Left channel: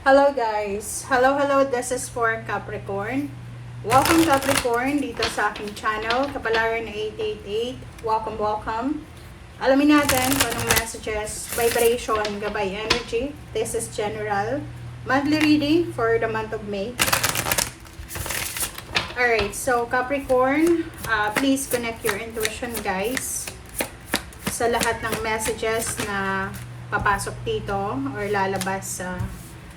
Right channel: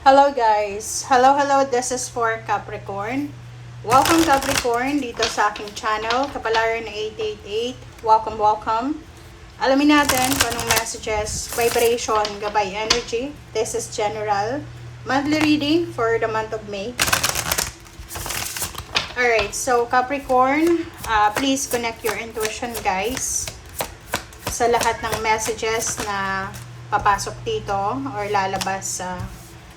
Hello guys! Hello, this is for Capricorn. Welcome Capricorn dito sa aking channel, Kapalaran 888. Welcome. Alamin natin kung anong messages, vibration, gabay energy. This is general. Monthly reading for the month of May. Alright, so Capricorn, please connect your intuition guys sa lahat ng messages na papasok dito or lalabas sa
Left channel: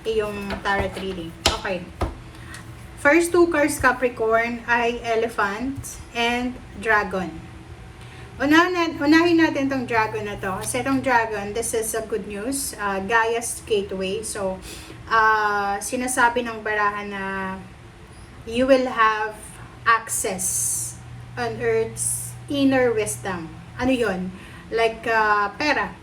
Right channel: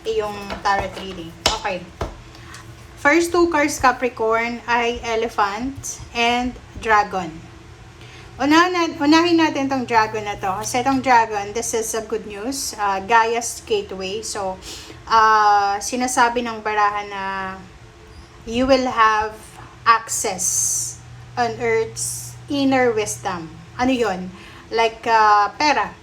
iyong tarot reading. Okay. First two cards Capricorn ay Elephant and Dragon. Unahin natin tong Dragon na to. Kasi itong Dragon, this is a good news. Gaia's Gateway. So, sinasabi ng barahan na you will have access on Earth's inner wisdom. Ano yun? Like pera,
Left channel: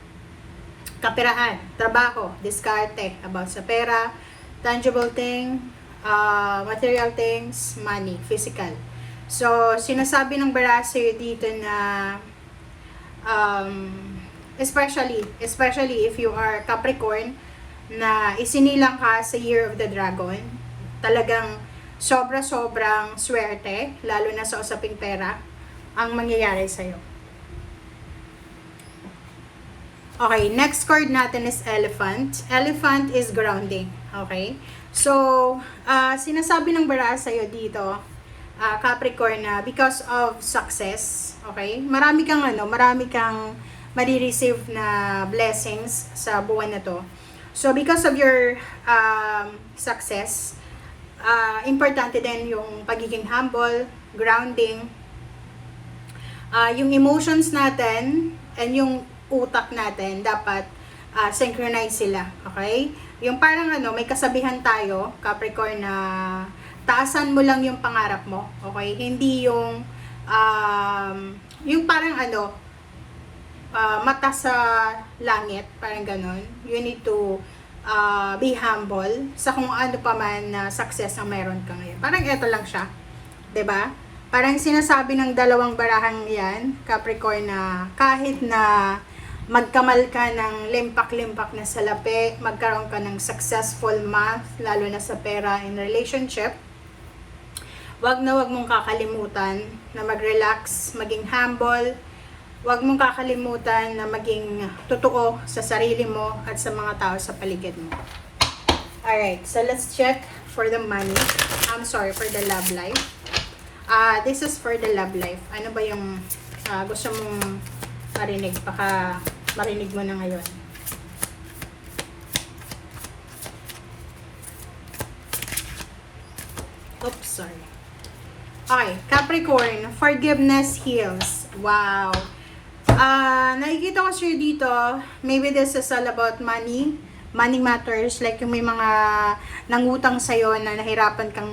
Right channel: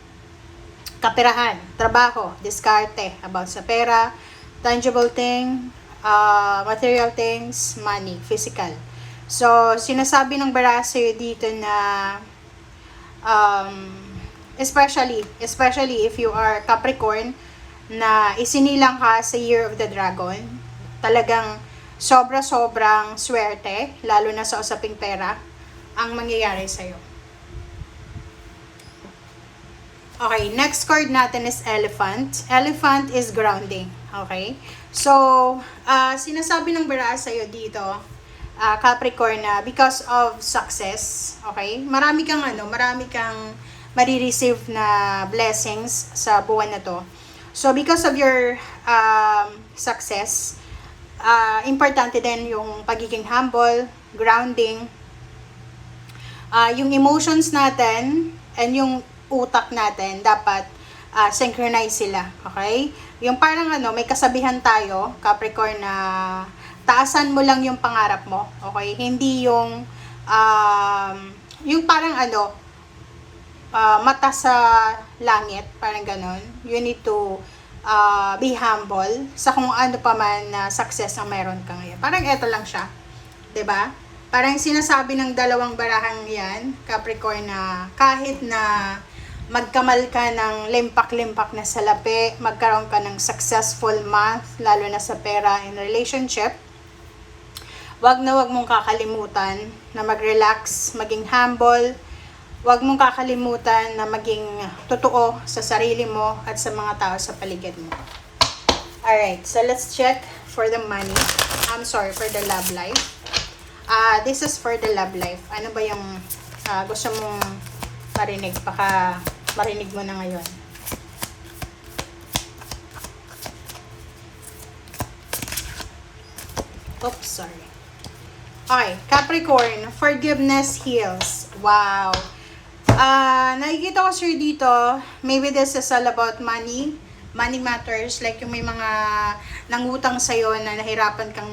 kaperahan, trabaho, diskarte, about sa pera, tangible thing, material things, money, physical. So, sinasabi ng baraha sa'yo dito na especially if you are Capricorn na isinilang ka sa Year of the Dragon, talagang sobrang swerte, lalo na sa usaping pera, ang mangyayari sa'yo. Okay, next card natin is Elephant. Elephant is grounding. Okay? So, sinasabi ng baraha sa'yo dito, Capricorn, na because of success, okay? Marami kang marireceive na blessings sa buwan na to. So, because of your success, importante din yung pagiging humble, grounding, yung emotions natin, and yung utak natin, dapat synchronize sila. Okay? Yung parang may kasabihan tayo, Capricorn, na taasan mo lang yung pangarap mo. Okay? Hindi yung parang mata sa langit, parang ganon. You need to be humble sa kung ano pa man na success ang meron ka ngayon. Parang eto lang siya. 'Di ba? Parang sinasabi ng dalawang barahang yan, Capricorn, na kahit na magkamal ka ng limpak-limpak na salapi, magkaroon ka ng successful month, lalo na sa pera and relationship, wag mong kakalimutan na mag-relax, maging humble, wag mong kakalimutan na maging totoo sa sarili mo at sa mga tao sa paligid mo. Alright, so let's check for the money. For the love life. This is for the love life. Ano ba yung gusto mong marinig? Baka marinig mo na ngayon. Oops, sorry. Okay, Capricorn, forgiveness heals. Wow. Nakikita ko sir dito, maybe this is all about money matters, like yung may mga nangutang sa'yo na nahirapan kang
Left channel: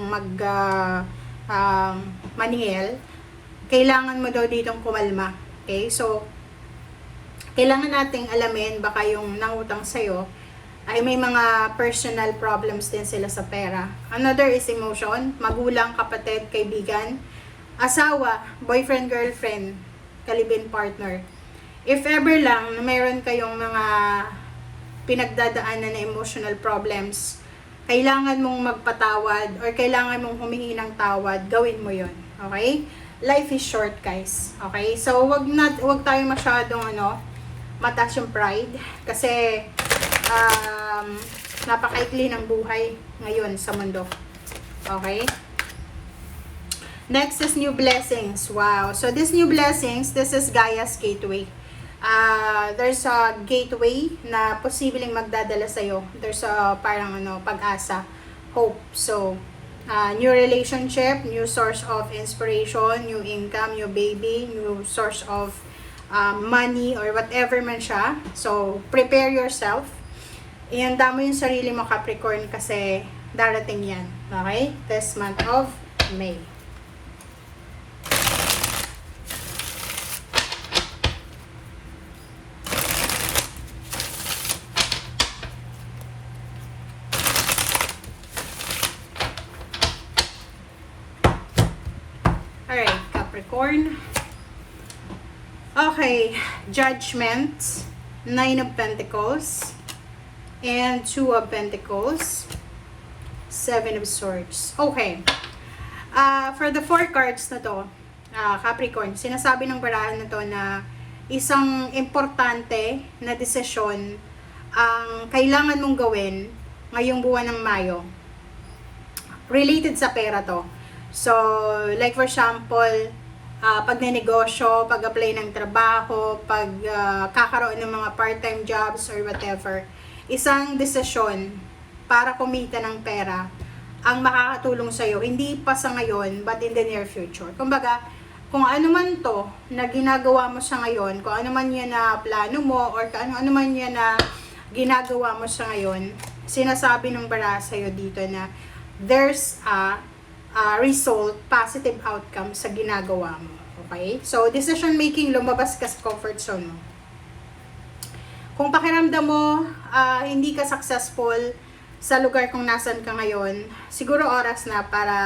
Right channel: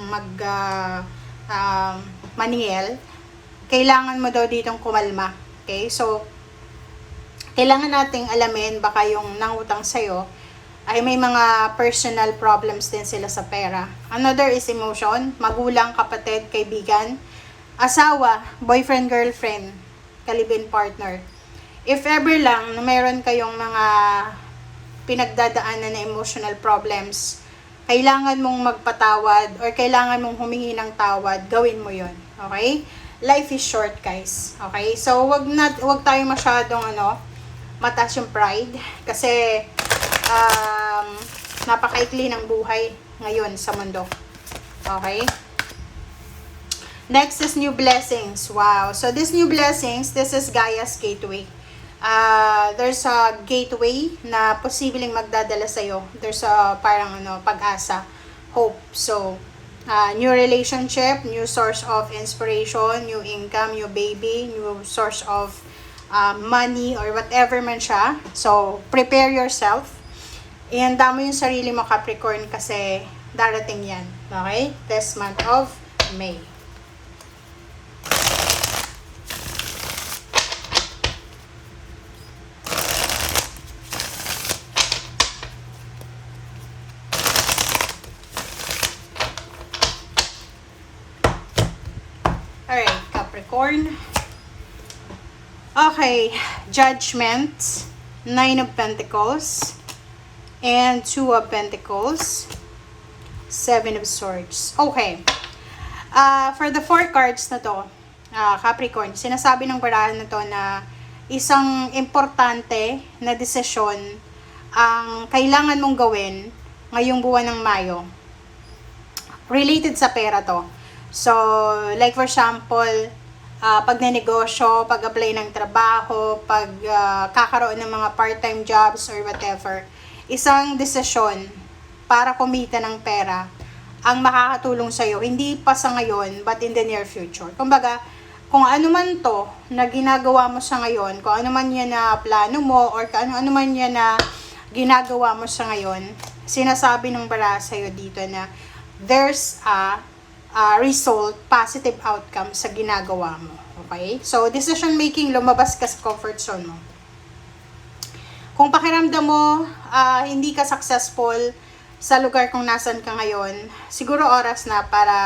maningil, kailangan mo daw ditong kumalma. Okay, so kailangan nating alamin, baka yung nangutang sa'yo ay may mga personal problems din sila sa pera. Another is emotion, magulang, kapatid, kaibigan, asawa, boyfriend, girlfriend, kalibin partner. If ever lang na mayroon kayong mga pinagdadaanan na emotional problems, kailangan mong magpatawad or kailangan mong humingi ng tawad, gawin mo yon. Okay? Life is short, guys. Okay? So, wag tayo masyadong mataas yung pride kasi napakaikli ng buhay ngayon sa mundo. Okay? Next is new blessings. Wow. So, this new blessings, this is Gaia's Gateway. There's a gateway na posibleng magdadala sa'yo. There's a parang pag-asa, hope. So, new relationship, new source of inspiration, new income, new baby, new source of money or whatever man siya. So, prepare yourself. Ihanda mo yung sarili mo, Capricorn, kasi darating yan. Okay? This month of May. Alright, Capricorn. Okay, Judgment, Nine of Pentacles, and Two of Pentacles. Seven of Swords. Okay. For the 4 cards na to, Capricorn, sinasabi ng barahan na to na isang importante na desisyon ang kailangan mong gawin ngayong buwan ng Mayo. Related sa pera to. So, like for example, pag nanegosyo, pag-apply ng trabaho, pag kakaroon ng mga part-time jobs or whatever, isang desisyon para kumita ng pera ang makakatulong sa'yo, hindi pa sa ngayon, but in the near future. Kumbaga, kung ano man to na ginagawa mo sa ngayon, kung ano man yan na plano mo, or kung ano man yan na ginagawa mo sa ngayon, sinasabi ng bara sa'yo dito na there's a result, positive outcome sa ginagawa mo. Okay? So, decision making, lumabas ka sa comfort zone mo. Kung pakiramdam mo, hindi ka successful sa lugar kung nasan ka ngayon, siguro oras na para,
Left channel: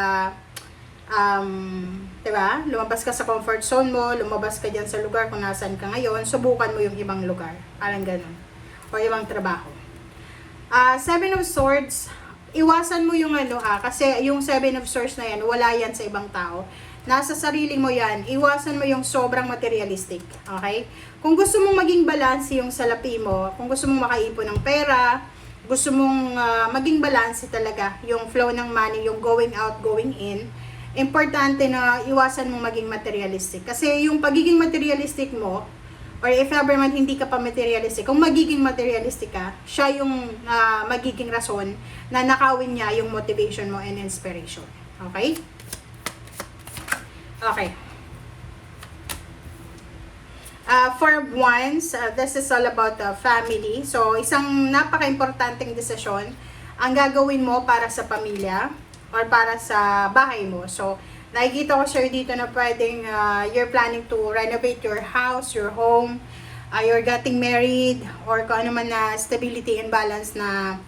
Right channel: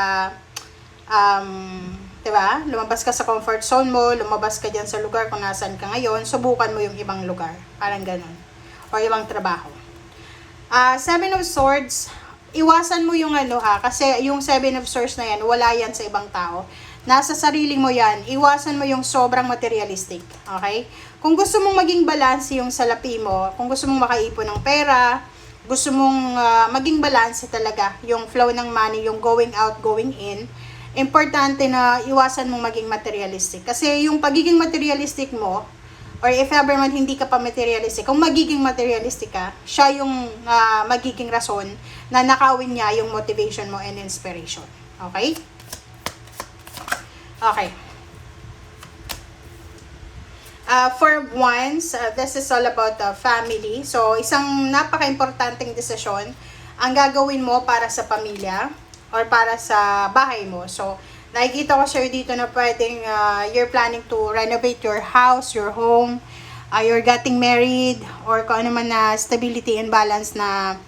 diba? Lumabas ka sa comfort zone mo, lumabas ka dyan sa lugar kung nasan ka ngayon, subukan mo yung ibang lugar. Parang ganun. O ibang trabaho. Seven of Swords, iwasan mo yung kasi yung Seven of Swords na yan, wala yan sa ibang tao. Nasa sarili mo yan. Iwasan mo yung sobrang materialistic. Okay? Kung gusto mong maging balance yung salapi mo, kung gusto mong makaipon ng pera, gusto mong maging balance talaga yung flow ng money, yung going out, going in, importante na iwasan mong maging materialistic. Kasi yung pagiging materialistic mo, or if ever man hindi ka pa materialistic, kung magiging materialistic ka, siya yung magiging rason na nakawin niya yung motivation mo and inspiration. Okay? Okay. For once, this is all about family. So, isang napaka-importanting desisyon ang gagawin mo para sa pamilya or para sa bahay mo. So, nakikita ko sir dito na pwedeng you're planning to renovate your house, your home, you're getting married, or kung ano man na stability and balance na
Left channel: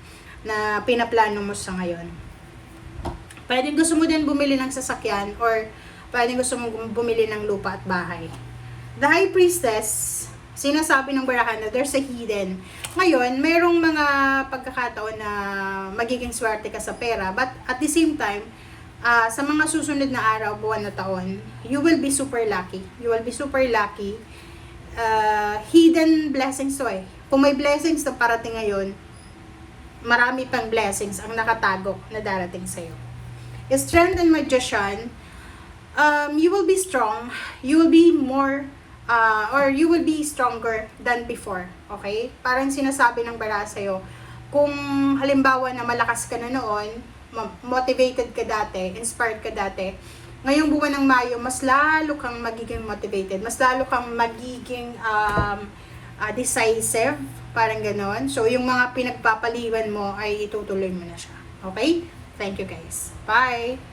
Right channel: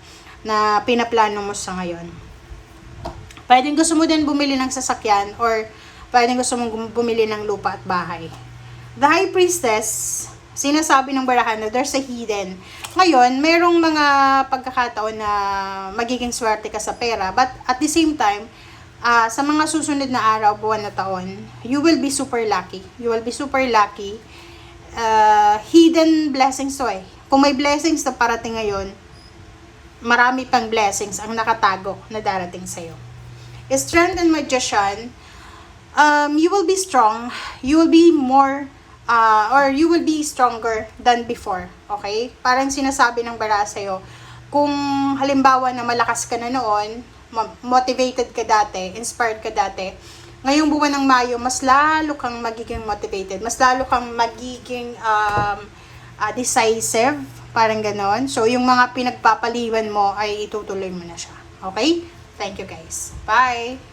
pinaplano mo sa ngayon. Pwedeng gusto mo din bumili ng sasakyan, or pwedeng gusto mong bumili ng lupa at bahay. The High Priestess, sinasabi ng barahan na there's a hidden. Ngayon, merong mga pagkakataon na magiging swerte ka sa pera, but at the same time, sa mga susunod na araw, buwan na taon, you will be super lucky. You will be super lucky. Hidden blessings to eh. Kung may blessings na parating ngayon, marami pang blessings ang nakatago na darating sa'yo. Strength and Magician, you will be strong. You will be more, or you will be stronger than before. Okay? Parang sinasabi ng bara sa'yo, kung halimbawa na malakas ka na noon, motivated ka dati, inspired ka dati, ngayong buwan ng Mayo, mas lalo kang magiging motivated, mas lalo kang magiging decisive, parang ganon. So, yung mga pinagpapaliwan mo ay itutuloy mo na siya. Okay? Thank you guys. Bye!